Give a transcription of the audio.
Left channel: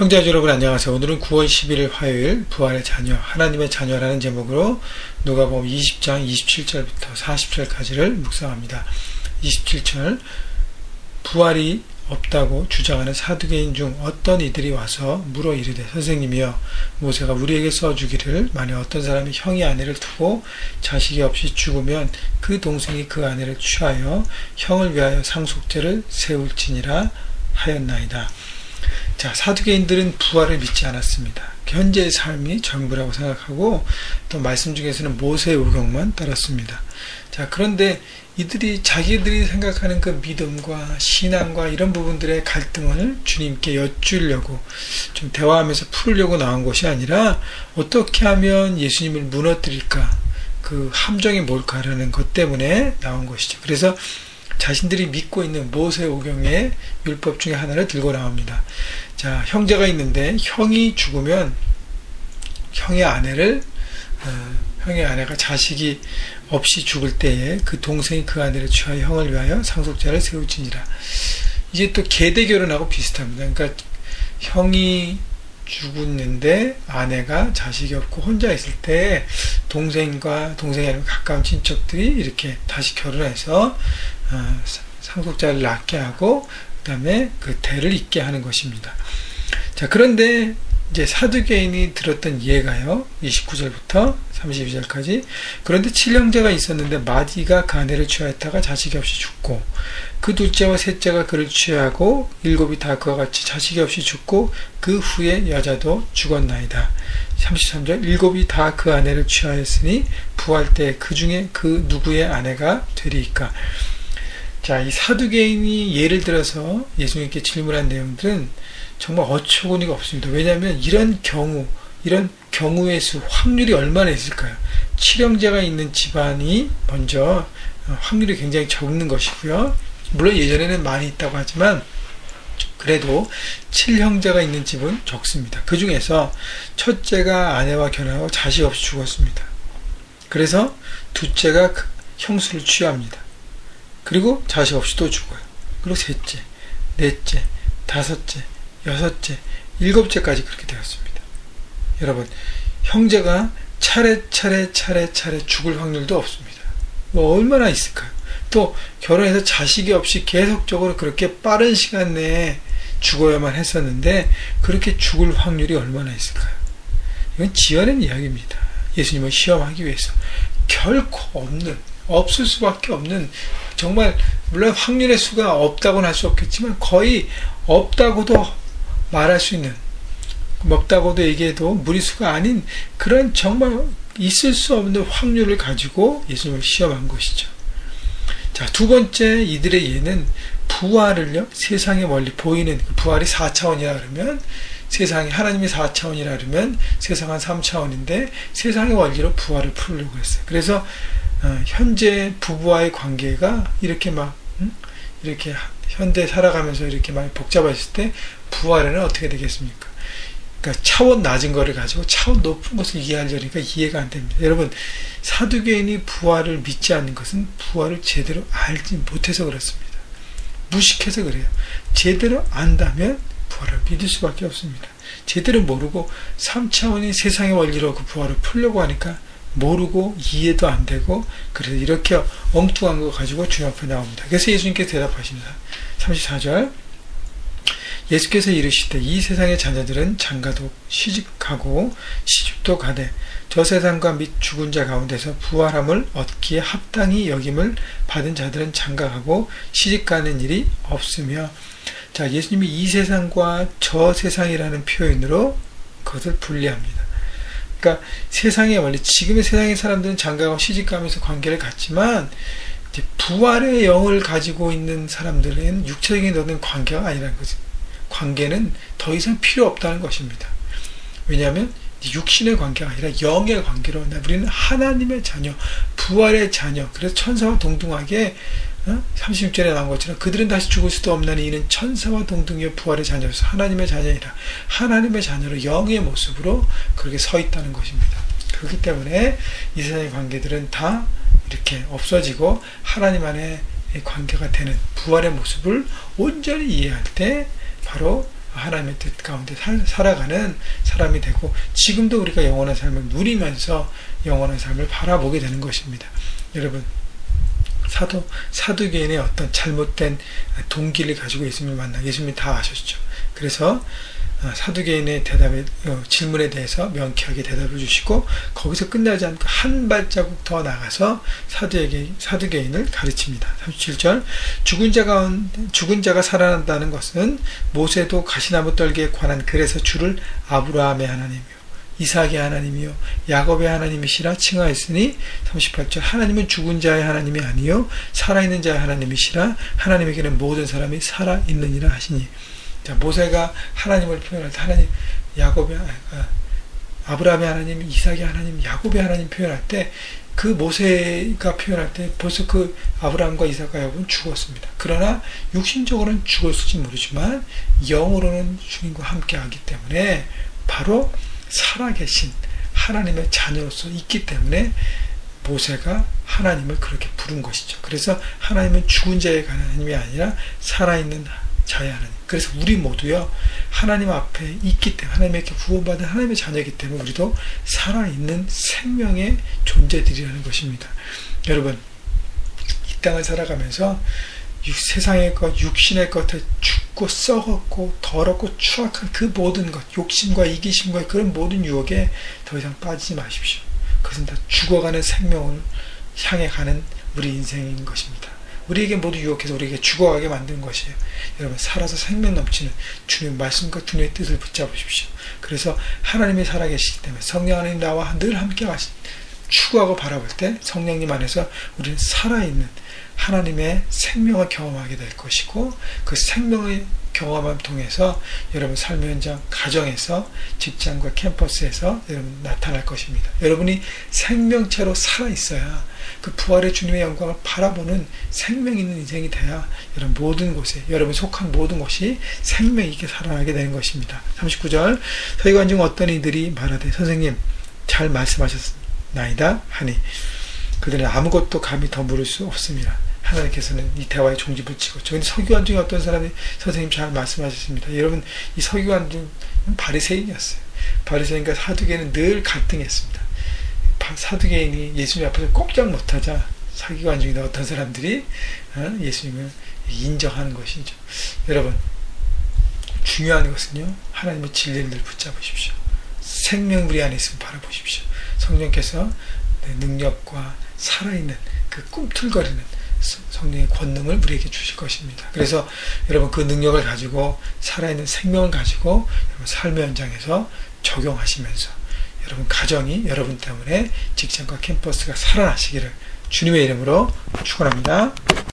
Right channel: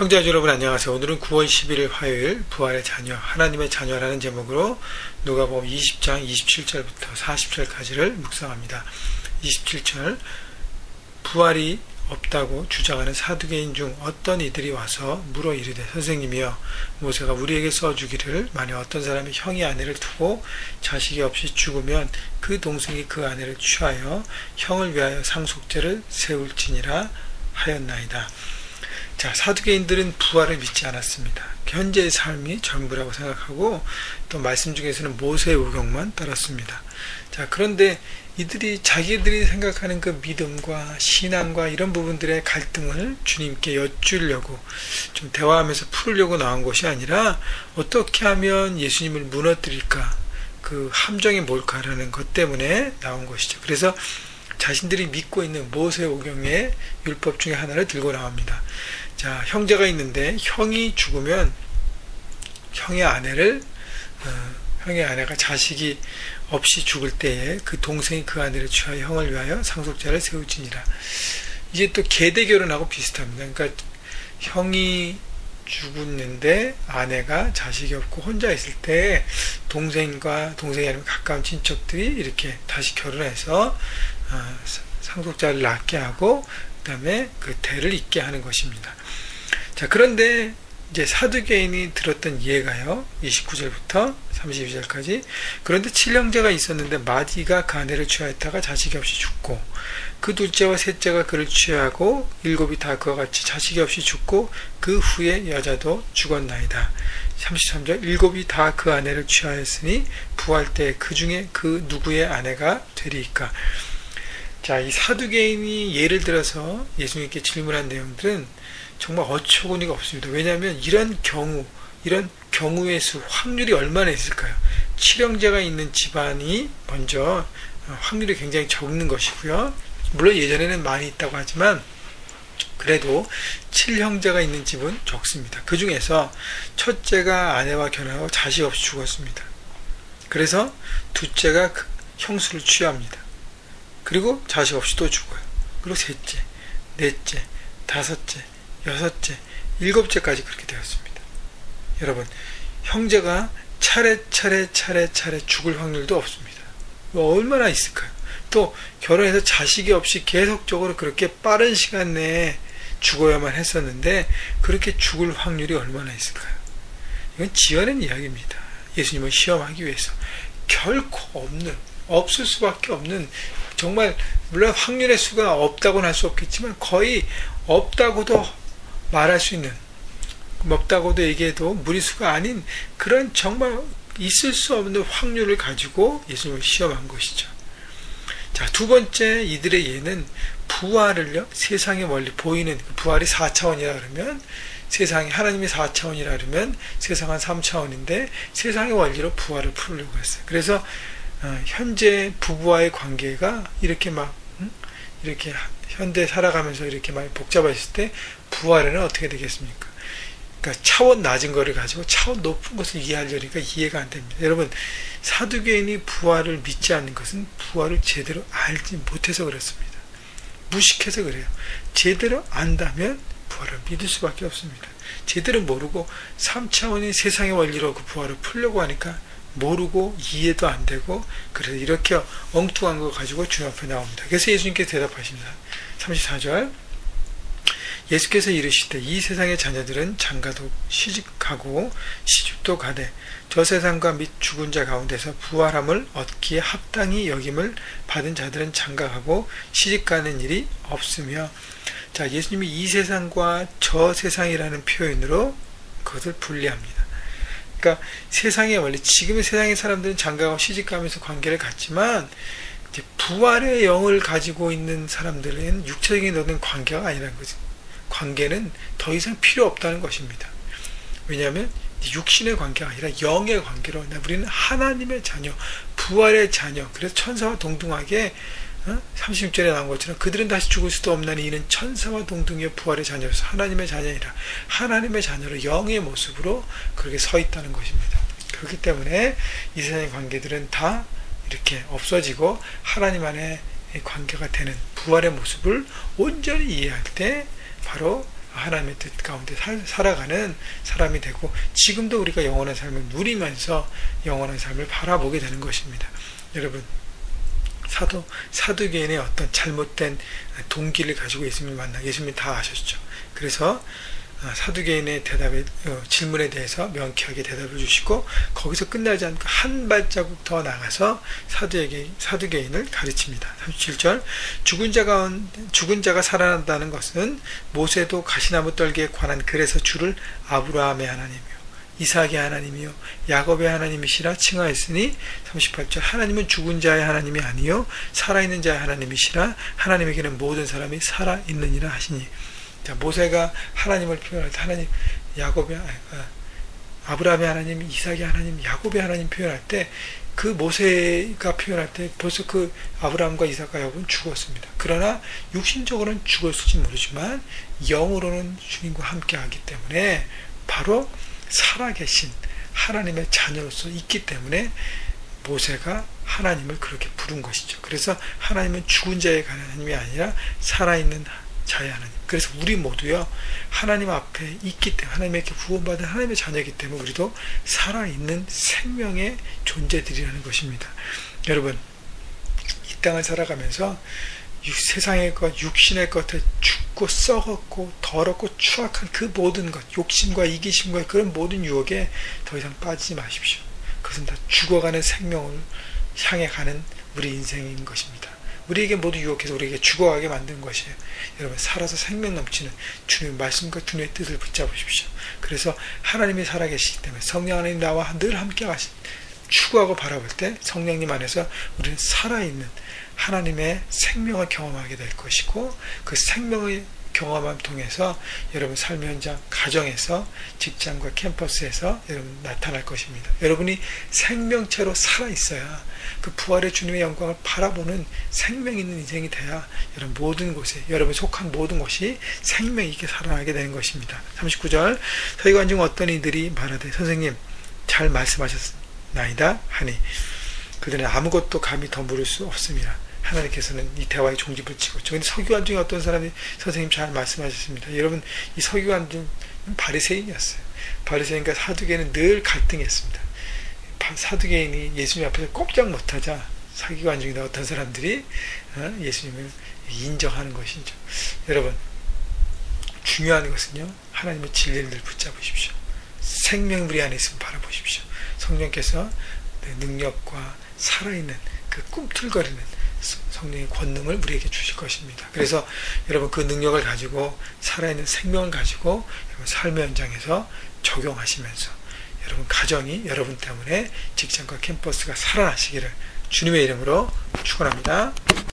형제자 여러분 안녕하세요. 오늘은 9월 11일 화요일 부활의 자녀, 하나님의 자녀라는 제목으로 누가복음 20장 27절부터 40절까지를 묵상합니다. 27절 부활이 없다고 주장하는 사두개인 중 어떤 이들이 와서 물어 이르되 선생님이여 모세가 우리에게 써주기를 만약 어떤 사람이 형이 아내를 두고 자식이 없이 죽으면 그 동생이 그 아내를 취하여 형을 위하여 상속죄를 세울지니라 하였나이다. 자, 사두개인들은 부활을 믿지 않았습니다. 현재의 삶이 전부라고 생각하고 또 말씀 중에서는 모세의 오경만 따랐습니다. 자, 그런데 이들이 자기들이 생각하는 그 믿음과 신앙과 이런 부분들의 갈등을 주님께 여쭈려고 좀 대화하면서 풀려고 나온 것이 아니라 어떻게 하면 예수님을 무너뜨릴까, 그 함정이 뭘까라는 것 때문에 나온 것이죠. 그래서 자신들이 믿고 있는 모세 오경의 율법 중에 하나를 들고 나옵니다. 자, 형제가 있는데 형이 죽으면 형의 아내가 자식이 없이 죽을 때에 그 동생이 그 아내를 취하여 형을 위하여 상속죄를 세울지니라. 이게 또 계대결혼하고 비슷합니다. 그러니까 형이 죽었는데 아내가 자식이 없고 혼자 있을 때 동생과 동생이 아니면 가까운 친척들이 이렇게 다시 결혼해서 상속자를 낳게 하고 그 다음에 그 대를 잇게 하는 것입니다. 자, 그런데 이제 사두개인이 들었던 이해가요. 29절부터 32절까지 그런데 7형제가 있었는데 마디가 그 아내를 취하였다가 자식이 없이 죽고 그 둘째와 셋째가 그를 취하고 7이 다 그와 같이 자식이 없이 죽고 그 후에 여자도 죽었나이다. 33절 7이 다 그 아내를 취하였으니 부활 때 그 중에 그 누구의 아내가 되리이까. 자, 이 사두개인이 예를 들어서 예수님께 질문한 내용들은 정말 어처구니가 없습니다. 왜냐하면 이런 경우의 수, 확률이 얼마나 있을까요? 7형제가 있는 집안이 먼저 확률이 굉장히 적는 것이고요. 물론 예전에는 많이 있다고 하지만 그래도 7형제가 있는 집은 적습니다. 그 중에서 첫째가 아내와 결혼하고 자식 없이 죽었습니다. 그래서 둘째가 형수를 취합니다. 그리고 자식 없이 또 죽어요. 그리고 셋째, 넷째, 다섯째, 여섯째, 일곱째까지 그렇게 되었습니다. 여러분, 형제가 차례차례 죽을 확률도 없습니다. 뭐 얼마나 있을까요? 또 결혼해서 자식이 없이 계속적으로 그렇게 빠른 시간 내에 죽어야만 했었는데 그렇게 죽을 확률이 얼마나 있을까요? 이건 지어낸 이야기입니다. 예수님을 시험하기 위해서. 결코 없을 수밖에 없는, 정말 물론 확률의 수가 없다고는 할 수 없겠지만 거의 없다고도 말할 수 있는, 없다고도 얘기해도 무리수가 아닌 그런 정말 있을 수 없는 확률을 가지고 예수님을 시험한 것이죠. 자, 두 번째 이들의 예는 부활을요, 세상에 멀리 보이는, 부활이 4차원이라 그러면 세상이, 하나님이 4차원이라 그러면 세상은 3차원인데 세상의 원리로 부활을 풀려고 했어요. 그래서 현재 부부와의 관계가 이렇게 이렇게 현대 살아가면서 이렇게 많이 복잡해졌을 때 부활에는 어떻게 되겠습니까? 그러니까 차원 낮은 거를 가지고 차원 높은 것을 이해하려니까 이해가 안 됩니다. 여러분, 사두개인이 부활을 믿지 않는 것은 부활을 제대로 알지 못해서 그렇습니다. 무식해서 그래요. 제대로 안다면 부활을 믿을 수밖에 없습니다. 제대로 모르고 3차원의 세상의 원리로 그 부활을 풀려고 하니까 모르고 이해도 안 되고, 그래서 이렇게 엉뚱한 거 가지고 주님 앞에 나옵니다. 그래서 예수님께서 대답하십니다. 34절 예수께서 이르시되 이 세상의 자녀들은 장가도 시집가고 시집도 가되 저 세상과 및 죽은 자 가운데서 부활함을 얻기에 합당히 여김을 받은 자들은 장가가고 시집가는 일이 없으며. 자, 예수님이 이 세상과 저 세상이라는 표현으로 그것을 분리합니다. 그러니까 세상의 원리, 지금의 세상의 사람들은 장가가고 시집가면서 관계를 갖지만 이제 부활의 영을 가지고 있는 사람들은 육체적인 어떤 관계가 아니라는 거죠. 관계는 더 이상 필요 없다는 것입니다. 왜냐하면 육신의 관계가 아니라 영의 관계로 우리는 하나님의 자녀, 부활의 자녀. 그래서 천사와 동등하게 36절에 나온 것처럼 그들은 다시 죽을 수도 없나니 이는 천사와 동등이여 부활의 자녀로서 하나님의 자녀이라. 하나님의 자녀로 영의 모습으로 그렇게 서 있다는 것입니다. 그렇기 때문에 이 세상의 관계들은 다 이렇게 없어지고 하나님 안에 관계가 되는 부활의 모습을 온전히 이해할 때 바로 하나님의 뜻 가운데 살아가는 사람이 되고, 지금도 우리가 영원한 삶을 누리면서 영원한 삶을 바라보게 되는 것입니다. 여러분, 사두개인의 어떤 잘못된 동기를 가지고 예수님을 만나, 예수님이 다 아셨죠. 그래서 사두개인의 질문에 대해서 명쾌하게 대답을 주시고, 거기서 끝나지 않고 한 발자국 더 나가서 사두개인을 가르칩니다. 37절, 죽은 자가 살아난다는 것은 모세도 가시나무 떨기에 관한 글에서 주를 아브라함의 하나님이요 이삭의 하나님이요 야곱의 하나님이시라 칭하였으니, 38절, 하나님은 죽은 자의 하나님이 아니요 살아있는 자의 하나님이시라 하나님에게는 모든 사람이 살아있느니라 하시니. 자, 모세가 하나님을 표현할 때 아브라함의 하나님, 이삭의 하나님, 야곱의 하나님 표현할 때, 그 모세가 표현할 때 벌써 그 아브라함과 이삭과 야곱은 죽었습니다. 그러나 육신적으로는 죽었을지 모르지만 영으로는 주님과 함께하기 때문에 바로 살아계신 하나님의 자녀로서 있기 때문에 모세가 하나님을 그렇게 부른 것이죠. 그래서 하나님은 죽은 자의 하나님이 아니라 살아있는 자의 하나님. 그래서 우리 모두요, 하나님 앞에 있기 때문에, 하나님에게 구원받은 하나님의 자녀이기 때문에 우리도 살아있는 생명의 존재들이라는 것입니다. 여러분, 이 땅을 살아가면서 세상의 것, 육신의 것에 죽고 썩었고 더럽고 추악한 그 모든 것, 욕심과 이기심과 그런 모든 유혹에 더 이상 빠지지 마십시오. 그것은 다 죽어가는 생명을 향해 가는 우리 인생인 것입니다. 우리에게 모두 유혹해서 우리에게 죽어가게 만든 것이에요. 여러분, 살아서 생명 넘치는 주님의 말씀과 주님의 뜻을 붙잡으십시오. 그래서 하나님이 살아계시기 때문에 성령 하나님 나와 늘 함께 추구하고 바라볼 때 성령님 안에서 우리는 살아있는 하나님의 생명을 경험하게 될 것이고, 그 생명의 경험함을 통해서 여러분 삶의 현장, 가정에서, 직장과 캠퍼스에서 여러분 나타날 것입니다. 여러분이 생명체로 살아있어야 그 부활의 주님의 영광을 바라보는 생명 있는 인생이 돼야 여러분 모든 곳에, 여러분 속한 모든 곳이 생명 있게 살아나게 되는 것입니다. 39절, 서기관 중 어떤 이들이 말하되 선생님 잘 말씀하셨나이다 하니 그들은 아무것도 감히 더 물을 수 없습니다. 하나님께서는 이 대화에 종지부를 치고, 저는 서기관 중에 어떤 사람이 선생님 잘 말씀하셨습니다. 여러분, 이 서기관 중 바리새인이었어요. 바리새인과 사두개인은 늘 갈등했습니다. 사두개인이 예수님 앞에서 꼼짝 못하자 서기관 중에 어떤 사람들이 예수님을 인정하는 것이죠. 여러분, 중요한 것은요, 하나님의 진리를 붙잡으십시오. 생명 우리 안에 있으면 바라보십시오. 성령께서 능력과 살아있는 그 꿈틀거리는 성령의 권능을 우리에게 주실 것입니다. 그래서 여러분 그 능력을 가지고, 살아있는 생명을 가지고 여러분 삶의 현장에서 적용하시면서 여러분 가정이 여러분 때문에, 직장과 캠퍼스가 살아나시기를 주님의 이름으로 축원합니다.